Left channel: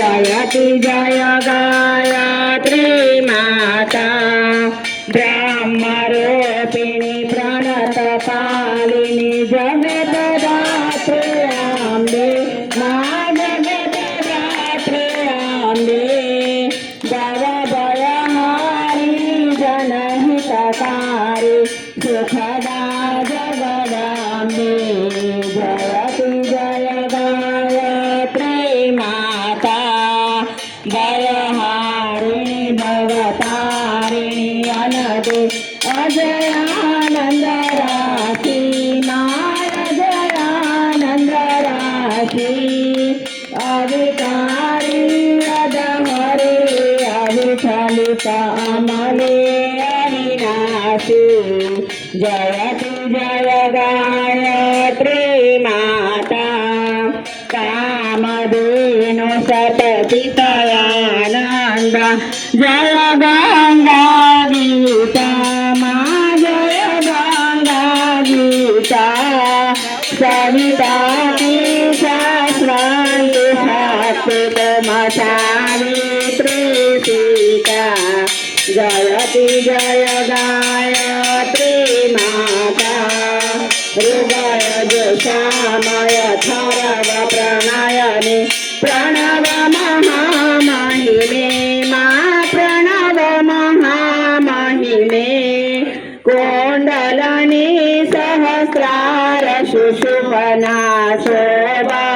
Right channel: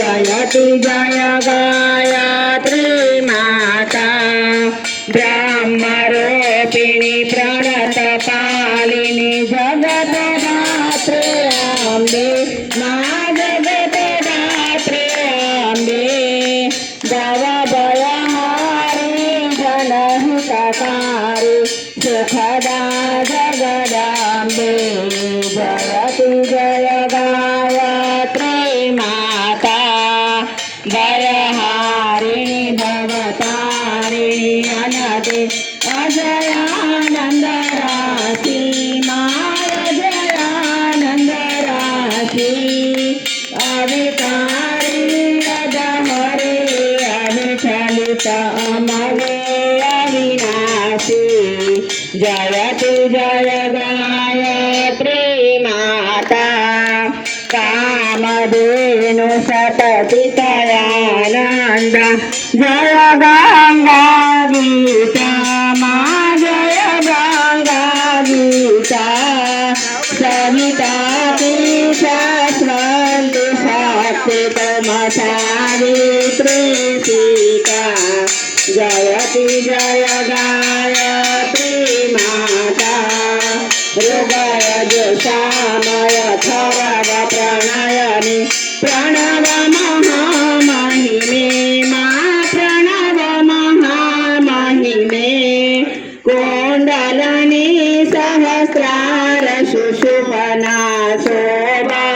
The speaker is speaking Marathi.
जयति जय गायत्री माता ब्रह्मरूपिणी प्रणतपालिनी जगद्धात्री अम्बे मा जगद्धात्री अम्बे भवभयहारी जनहितकारी सुखदा जगदाम्बे जयति जय गायत्री माता भयहारिणी भवतारिणी अनदे अजयानंद राशि अजयानंद राशि अविकारी अदहरे अविचलित अमले अविनाशी जयति जय गायत्री माता कामधेनु सततितयानंद जय गंगा गीता मा जय गंगा गीता सविता शास्त्रांति शक्तितम सावित्री सीता जयति जय गायत्री माता हृदय जोषामय थरव प्रणयनि प्रणव महामहिमे मा प्रणव महामहिमे कुण्डलनि सहस्रार सुषुम्ना